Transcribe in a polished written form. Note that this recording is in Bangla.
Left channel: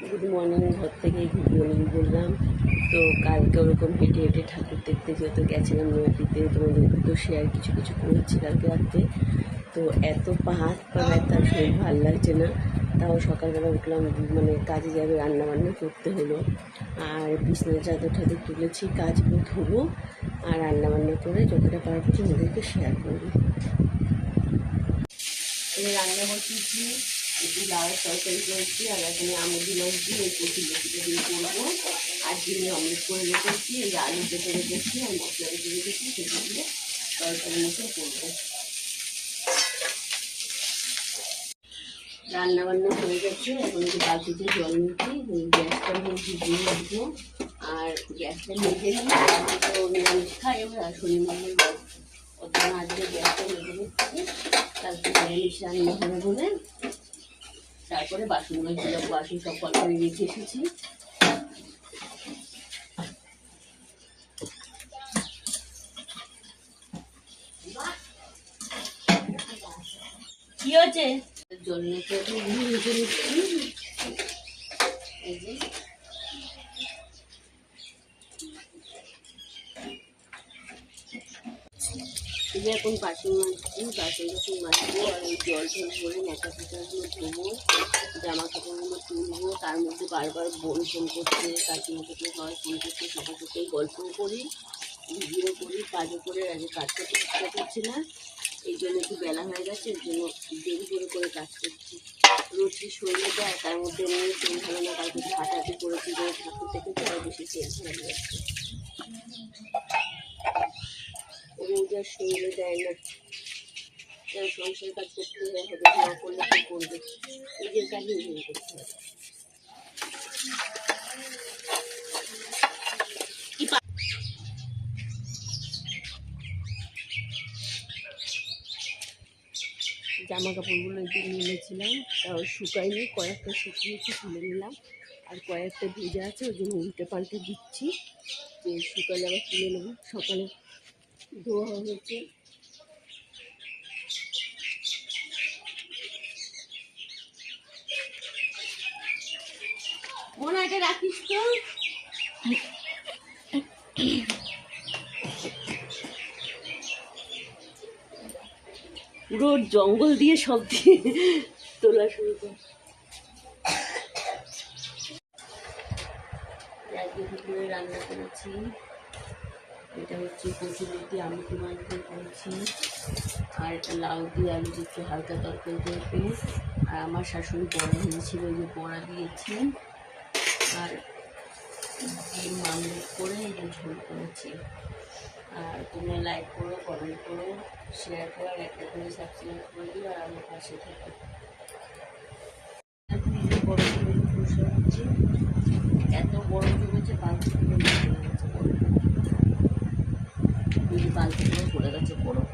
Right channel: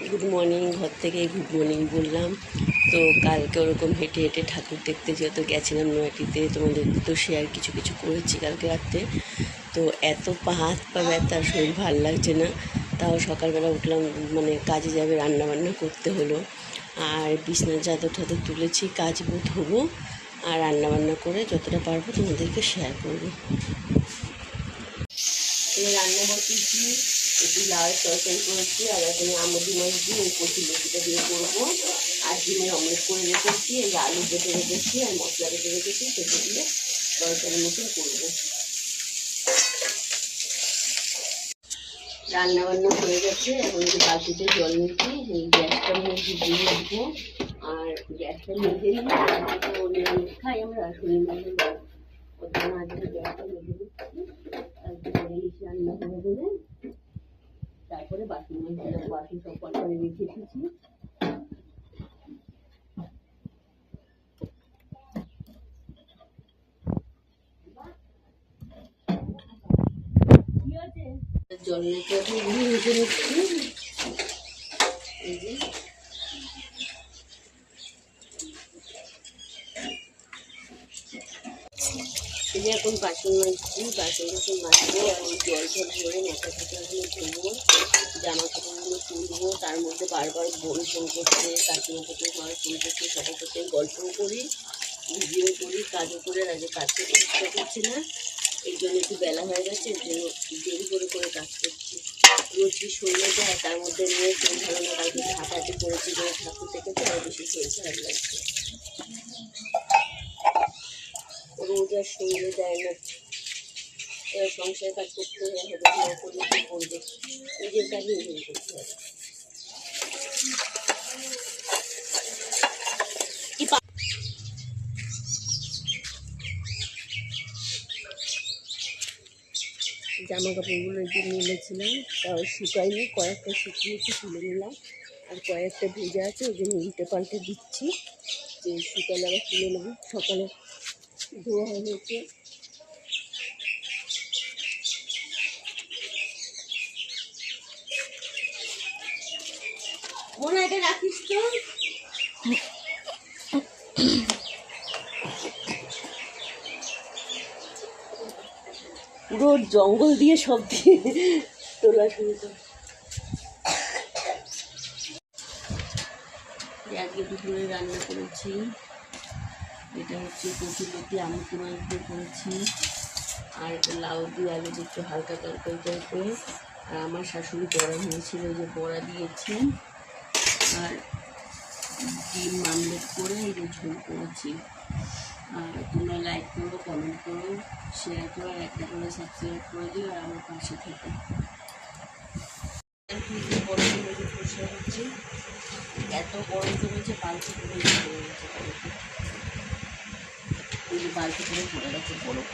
গুড মর্নিং, ঘর থেকেই গুড মর্নিং বললাম। তো কালকে ওরকম হেঁটে হেঁটে ঠাকুর দেখতে যেহেতু গেছিলাম নয়াটিতে, তোমাদের তো শেয়ার কিছু কিছু করেছি কালকে রাত্রে। তো এত পা হাত পা ব্যথা, শরীর ভালো লাগছে না। তাও সকালবেলা উঠলাম, মানে কাজে যাবে, রান্নাবান্না করতে হলো। আর বিছনার চাদর টাদর তুলেছি, কাচবো, ধোবো, আর রান্নাবান্না করে যতটা পারবো তোমাদেরকে শেয়ার করবো। রান্না বসিয়েছি, একটু লাউয়ের তরকারি করেছি, আর এখানে আমুদি মাছ দিয়ে এই কচি লতিটা দিয়ে করবো। আর ডিমের অমলেট করে রেখেছি, এই আলু কেটে রেখেছি আর মশলা কেটে রেখেছি, সেটা দিয়ে তরকারি মতন করবো। রান্নাবান্না হয়ে গেছে, এখন একটু বালতিতে জল নিচ্ছি, এই গ্যাসটা মধ্যে দিয়ে রাখবো। আর গ্যাসটা মেজে নিয়ে খাই আমরা শনিবার ওর জন্য আজকে গ্যাসটা মেজে নিচ্ছি, কালকে নিরামিষ রান্না হবে বলে। তারপরে বাসন মাজছিলাম, বাসন সব কল করে রেখে এসেছি। কি হচ্ছে? জল নিতে ভেজে নিচ্ছি। এই যে এখন বাসন মাজছি, বাসন যখন মাজবো এখন জল ঝল ভরে মাথা কাপড়গুলো ধোবো, জামা কাপড়গুলো তুলবো। তার মধ্যে বারবার বোন ফোন করছে, কাকিমা থেকে মা ফোন করছে, সবার সাথে গল্পও করি, ভিডিও করি, কাজও করে। আগে কাজ করতে ইচ্ছা করছে না, এই জন্য একটু বেলা হয়ে গেছে, এর জন্য দেরি করে কাজ করছি। রোজই শরীরে দেয়, তার মধ্যে নিয়ে শরীর ভালো না, কালকে হাঁটাহাঁটি করেছি, যে ঠাকুর দেখেছে আরও বেশি শরীর খারাপ লাগছে। রোজ আর শরীরে দেয় না, এবার সংসারের কাজ করতে হবে, না করলে কি করবে, নিজের কাজই নিজে করতে হবে। জামা কাপড়গুলো একটু মেলেছিলাম, তাও শুকায়নি, কয়েকটা শুকিয়েছি, তুলে নিলাম। আর কয়েকটা ভেজা আছে, ওই জন্য উল্টে পাল্টে দিচ্ছি, যে শুকালে আবার তুলে নেব। সকালে ধোয়া হয়েছে। মনে এটা রাখিস তো। পুরো জঙ্গল দিয়ে সব দিয়ে তোলা শুরু করে। আজকে দুপুরে রান্না করেছি, এটা হচ্ছে কচুরলতি আমুদি মাছ দিয়ে করেছি, আর একটা লাউ দিয়ে আলু দিয়ে একটু হালকা তরকারি টাইপের। আর আমার শাশুড়ি বড়া হয়েছিল, ওই যে বড়া দিয়েছি। আর ডিম আমলেট করে এই যে ঝোল করেছি। আর তোমরা লাইক করো, কমেন্ট করো, শেয়ার করো, আর একটা করে সাবস্ক্রাইব করে দিও, আর আমার পাশে থেকো। গরম জমেছে, বসে হচ্ছে, এত গরম জমেছে, বালতি করে পড়ে গেছে, বালতি করে পড়ে গেছে বরফ।